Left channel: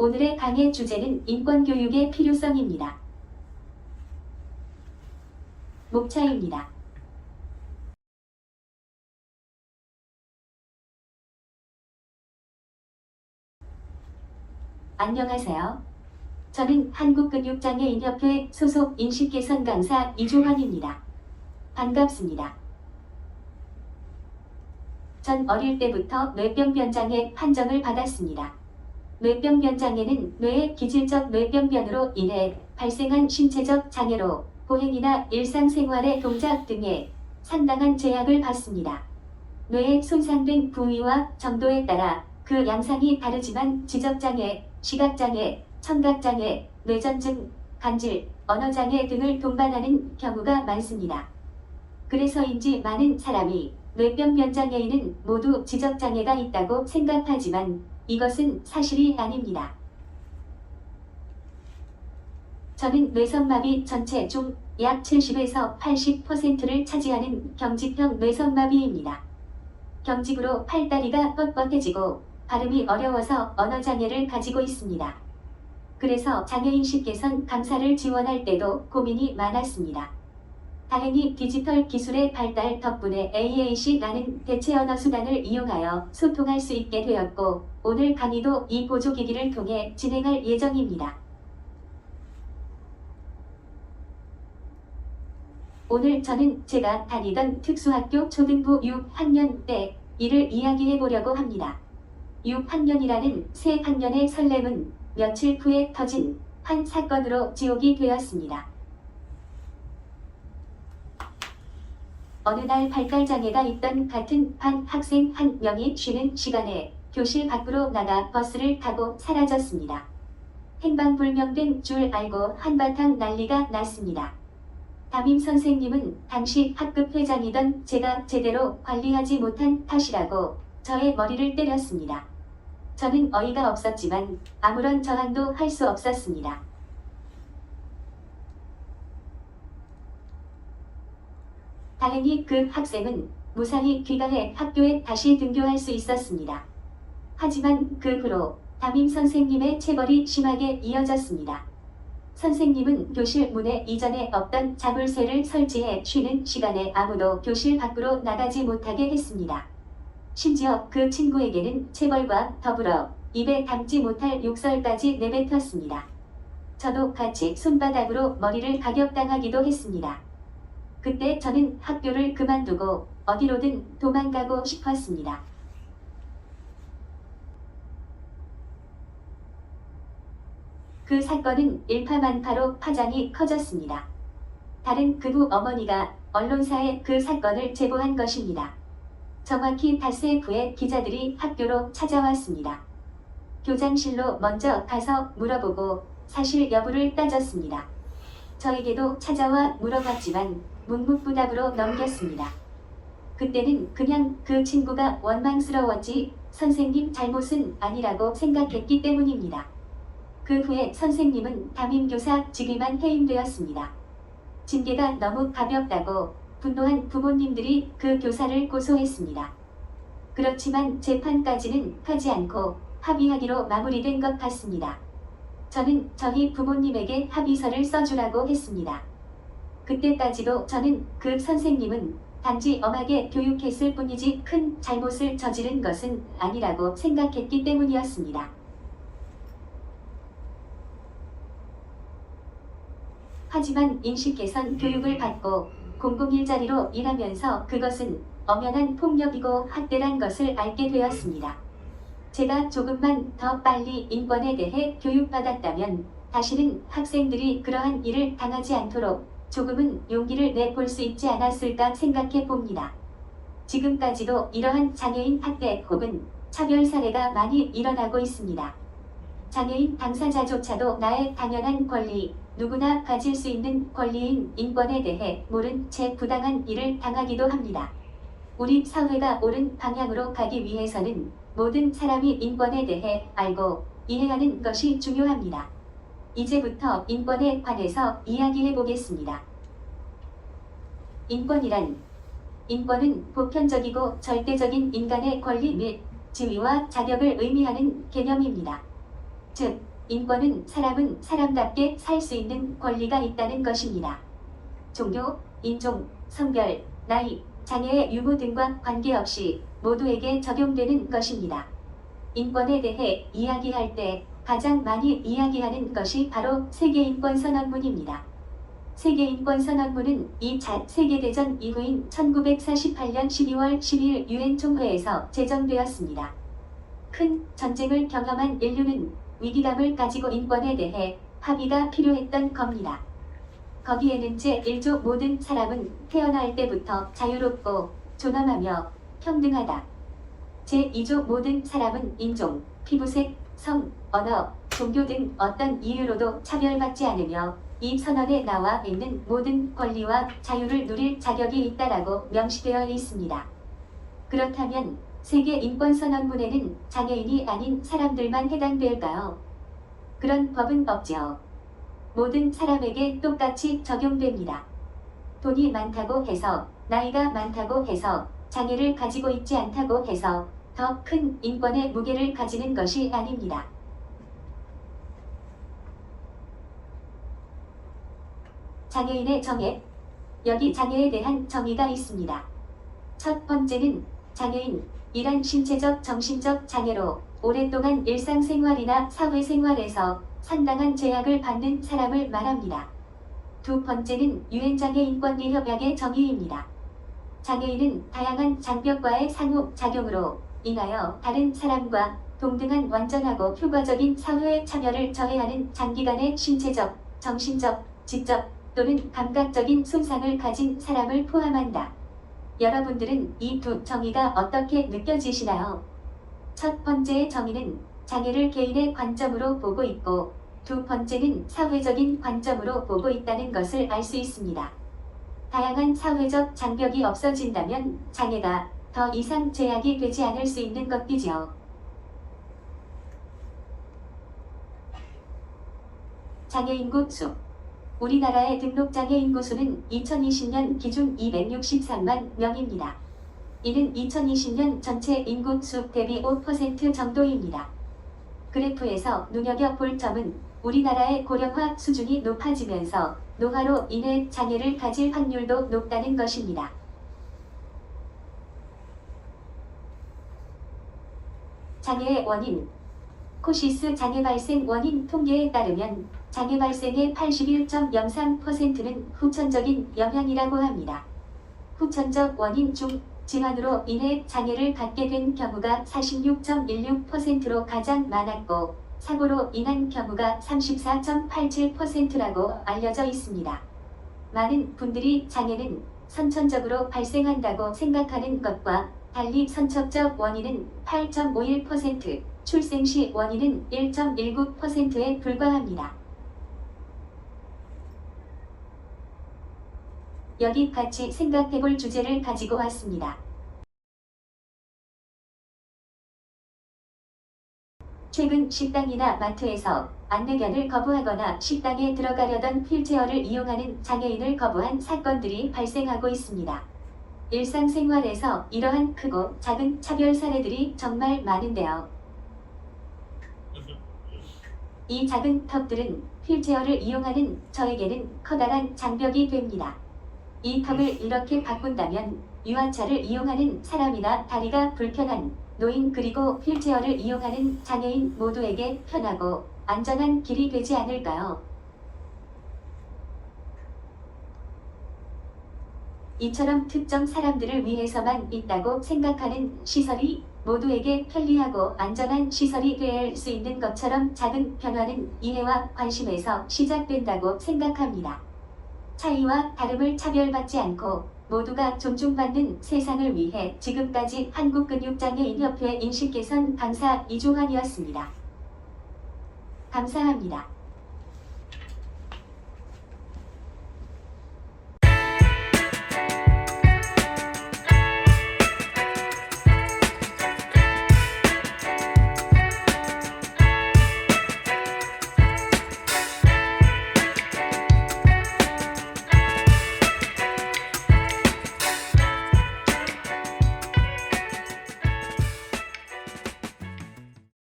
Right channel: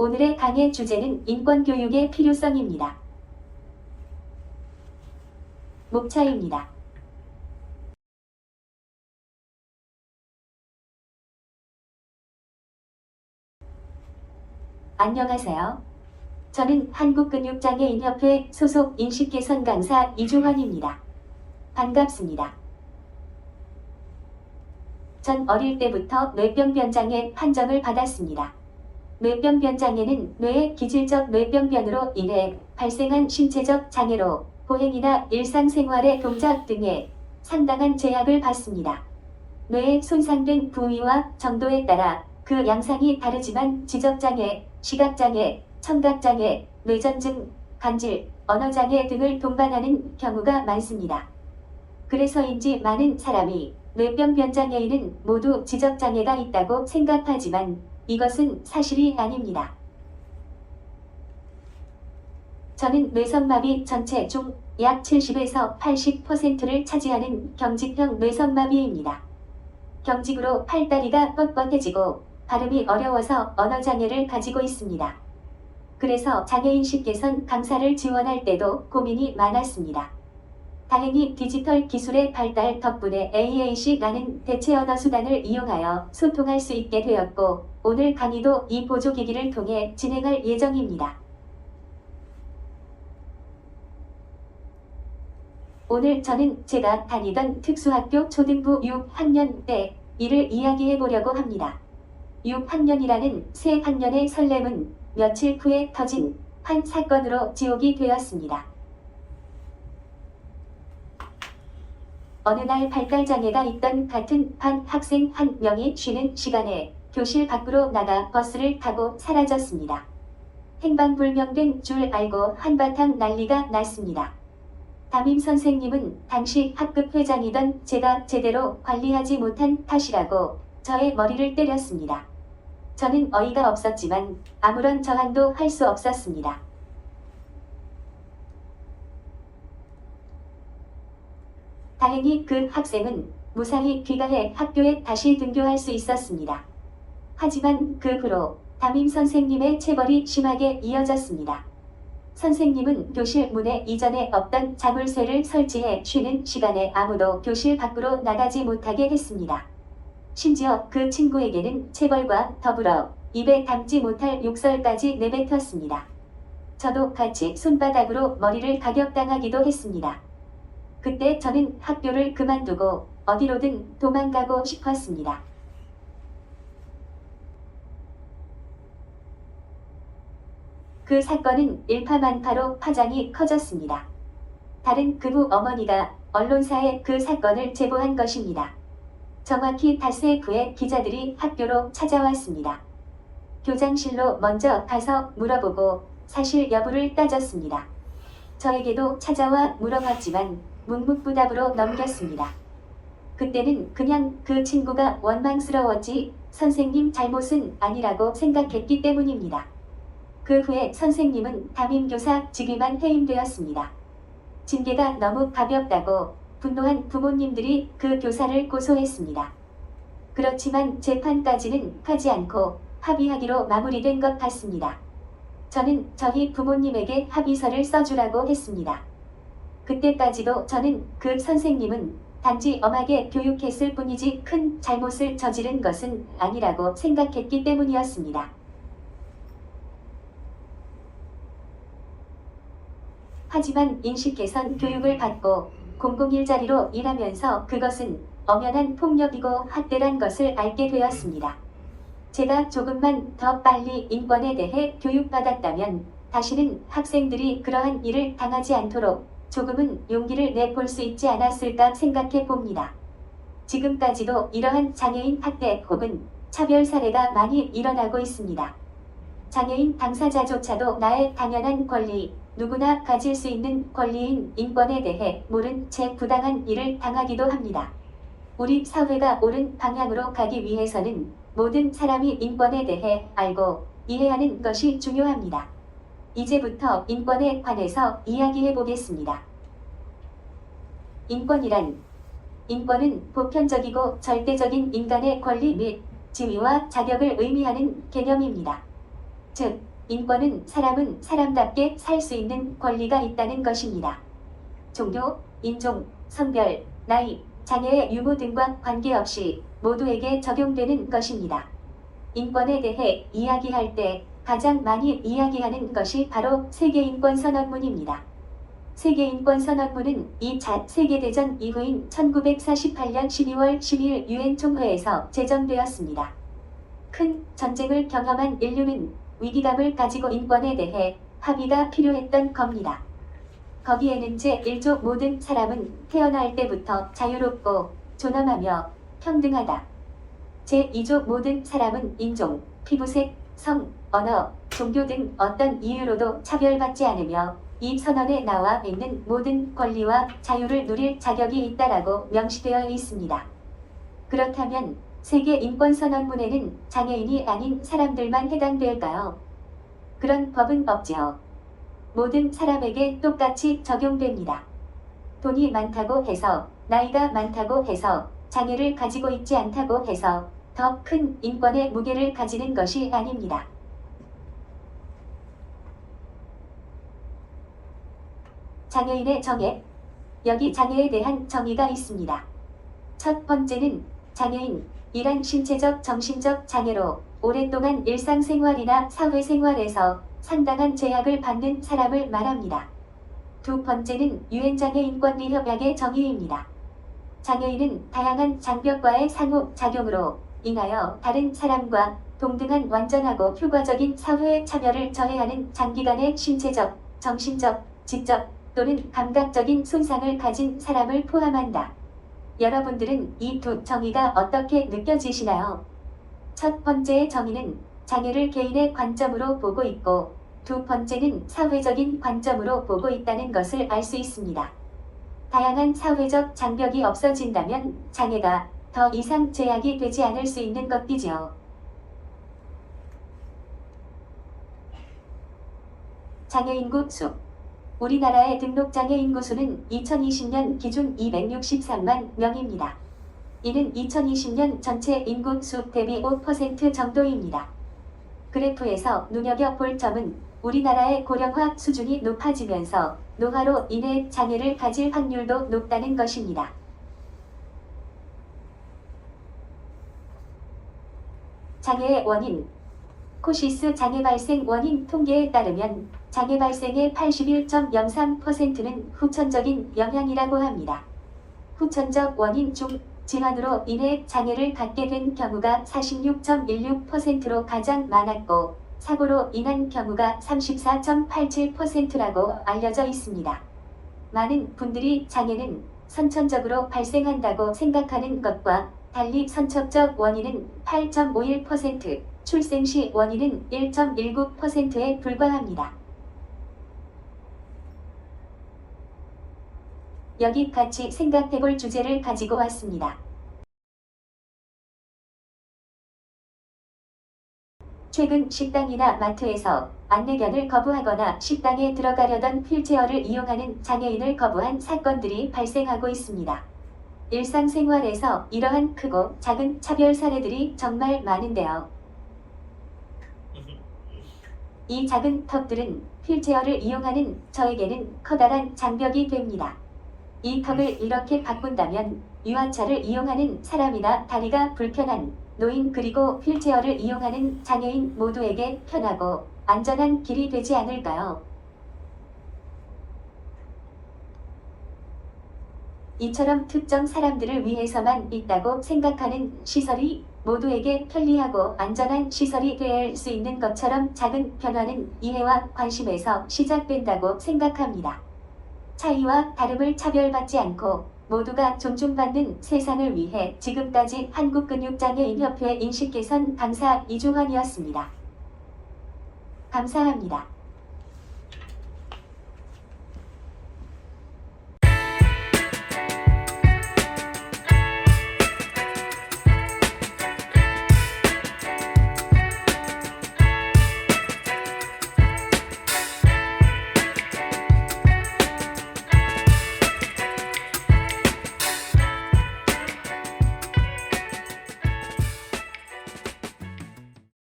오늘의 강의 주제는 인권교육의 필요성입니다. 목차입니다. 안녕하세요. 저는 한국근육장애인협회 소속 인식개선 강사 이주환입니다. 반갑습니다. 전 어릴 때부터 뇌병변장애 판정을 받았습니다. 뇌병변장애는 뇌의 기질적 뇌병변으로 인해 발생한 신체적 장애로 보행이나 일상생활의 동작 등에 상당한 제약을 받습니다. 뇌의 손상된 부위와 정도에 따라 그 양상이 다르지만 지적장애, 시각장애, 청각장애, 뇌전증, 간질, 언어장애 등을 동반하는 경우가 많습니다. 그래서인지 많은 사람이 뇌병변장애인은 모두 지적장애가 있다고 생각하지만 이것은 사실이 아닙니다. 저는 뇌성마비 전체 중 약 70에서 80%를 차지하는 경직형 뇌성마비입니다. 경직으로 팔다리가 뻣뻣해지고 발음이 어려워서 언어장애를 가지고 있습니다. 그래서 장애인식 개선 강사를 지원할 때도 고민이 많았습니다. 다행히 디지털 기술의 발달 덕분에 AAC라는 대체 언어 수단을 이용하여 소통할 수 있게 되었고 오늘 강의도 이 보조기기를 통해 진행할 예정입니다. 오늘 저는 제가 다니던 특수학교 초등부 6학년 때 일을 이야기해 보려고 합니다. 6학년이라는 새 학년의 설렘은 며칠 후에 터진 한 사건으로 지옥이 되었습니다. 어느 날 발달장애가 있던 같은 반 학생 한 명이 쉬는 시간에 교실 밖으로 나가 버스를 타고 사라졌습니다. 행방불명된 줄 알고 한바탕 난리가 났습니다. 담임 선생님은 당시 학급 회장이던 제가 제대로 관리하지 못한 탓이라고 저의 머리를 때렸습니다. 저는 어이가 없었지만 아무런 저항도 할 수 없었습니다. 다행히 그 학생은 무사히 귀가해 학교에 다시 등교할 수 있었습니다. 하지만 그 후로 담임 선생님의 체벌이 심하게 이어졌습니다. 선생님은 교실 문에 이전에 없던 자물쇠를 설치해 쉬는 시간에 아무도 교실 밖으로 나가지 못하게 했습니다. 심지어 그 친구에게는 체벌과 더불어 입에 담지 못할 욕설까지 내뱉었습니다. 저도 같이 손바닥으로 머리를 가격당하기도 했습니다. 그때 저는 학교를 그만두고 어디로든 도망가고 싶었습니다. 그 사건은 일파만파로 파장이 커졌습니다. 다른 그부 어머니가 언론사에 그 사건을 제보한 것입니다. 정확히 닷새 후에 기자들이 학교로 찾아왔습니다. 교장실로 먼저 가서 물어보고 사실 여부를 따졌습니다. 저에게도 찾아와 물어봤지만 묵묵부답으로 넘겼습니다. 그때는 그냥 그 친구가 원망스러웠지 선생님 잘못은 아니라고 생각했기 때문입니다. 그 후에 선생님은 담임교사 직위만 해임되었습니다. 징계가 너무 가볍다고 분노한 부모님들이 그 교사를 고소했습니다. 그렇지만 재판까지는 하지 않고 합의하기로 마무리된 것 같습니다. 저는 저희 부모님에게 합의서를 써주라고 했습니다. 그때까지도 저는 그 선생님은 단지 엄하게 교육했을 뿐이지 큰 잘못을 저지른 것은 아니라고 생각했기 때문이었습니다. 하지만 인식개선 교육을 받고 공공일자리로 일하면서 그것은 엄연한 폭력이고 학대란 것을 알게 되었습니다. 제가 조금만 더 빨리 인권에 대해 교육받았다면 다시는 학생들이 그러한 일을 당하지 않도록 조금은 용기를 내볼 수 있지 않았을까 생각해 봅니다. 지금까지도 이러한 장애인 학대 혹은 차별 사례가 많이 일어나고 있습니다. 장애인 당사자조차도 나의 당연한 권리, 누구나 가질 수 있는 권리인 인권에 대해 모른 채 부당한 일을 당하기도 합니다. 우리 사회가 옳은 방향으로 가기 위해서는 모든 사람이 인권에 대해 알고 이해하는 것이 중요합니다. 이제부터 인권에 관해서 이야기해 보겠습니다. 인권은 보편적이고 절대적인 인간의 권리 및 지위와 자격을 의미하는 개념입니다. 즉, 인권은 사람은 사람답게 살 수 있는 권리가 있다는 것입니다. 종교, 인종, 성별, 나이, 장애의 유무 등과 관계없이 모두에게 적용되는 것입니다. 인권에 대해 이야기할 때 가장 많이 이야기하는 것이 바로 세계인권선언문입니다. 세계인권선언문은 2차 세계대전 이후인 1948년 12월 12일 유엔 총회에서 제정되었습니다. 큰 전쟁을 경험한 인류는 위기감을 가지고 인권에 대해 합의가 필요했던 겁니다. 거기에는 제1조 모든 사람은 태어날 때부터 자유롭고 존엄하며 평등하다. 제2조 모든 사람은 인종, 피부색, 성, 언어, 종교 등 어떤 이유로도 차별받지 않으며 이 선언에 나와 있는 모든 권리와 자유를 누릴 자격이 있다라고 명시되어 있습니다. 그렇다면 세계인권선언문에는 장애인이 아닌 사람들만 해당될까요? 그런 법은 없지요. 모든 사람에게 똑같이 적용됩니다. 돈이 많다고 해서, 나이가 많다고 해서, 장애를 가지고 있지 않다고 해서 더 큰 인권의 무게를 가지는 것이 아닙니다. 장애인의 정의. 여기 장애에 대한 정의가 있습니다. 첫 번째는 장애인이란 신체적, 정신적 장애로 오랫동안 일상생활이나 사회생활에서 상당한 제약을 받는 사람을 말합니다. 두 번째는 유엔장애인권리협약의 정의입니다. 장애인은 다양한 장벽과의 상호작용으로 인하여 다른 사람과 동등한 완전하고 효과적인 사회에 참여를 저해하는 장기간의 신체적, 정신적, 지적 또는 감각적인 손상을 가진 사람을 포함한다. 여러분들은 이 두 정의가 어떻게 느껴지시나요? 첫 번째의 정의는 장애를 개인의 관점으로 보고 있고, 두 번째는 사회적인 관점으로 보고 있다는 것을 알 수 있습니다. 다양한 사회적 장벽이 없어진다면 장애가 더 이상 제약이 되지 않을 수 있는 것이지요. 장애인구 수. 우리나라의 등록장애 인구수는 2020년 기준 263만 명입니다. 이는 2020년 전체 인구수 대비 5% 정도입니다. 그래프에서 눈여겨볼 점은 우리나라의 고령화 수준이 높아지면서 노화로 인해 장애를 가질 확률도 높다는 것입니다. 장애의 원인. 코시스 장애 발생 원인 통계에 따르면 장애 발생의 81.03%는 후천적인 영향이라고 합니다. 후천적 원인 중 질환으로 인해 장애를 갖게 된 경우가 46.16%로 가장 많았고, 사고로 인한 경우가 34.87%라고 알려져 있습니다. 많은 분들이 장애는 선천적으로 발생한다고 생각하는 것과 달리 선천적 원인은 8.51%, 출생 시 원인은 1.19%에 불과합니다. 여기 같이 생각해볼 주제를 가지고 왔습니다. 최근 식당이나 마트에서 안내견을 거부하거나 식당에 들어가려던 휠체어를 이용하는 장애인을 거부한 사건들이 발생하고 있습니다. 일상생활에서 이러한 크고 작은 차별 사례들이 정말 많은데요. 이 작은 턱들은 휠체어를 이용하는 저에게는 커다란 장벽이 됩니다. 이 턱을 이렇게 바꾼다면 유아차를 이용하는 사람이나 다리가 불편한 노인 그리고 휠체어를 이용하는 장애인 모두에게 편하고 안전한 길이 되지 않을까요? 이처럼 특정 사람들을 위해서만 있다고 생각하는 시설이 모두에게 편리하고 안전한 시설이 될 수 있는 것처럼 작은 변화는 이해와 관심에서 시작된다고 생각합니다. 차이와 다름을 차별받지 않고 모두가 존중받는 세상을 위해 지금까지 한국근육장애인협회 인식개선 강사 이주환이었습니다. 감사합니다.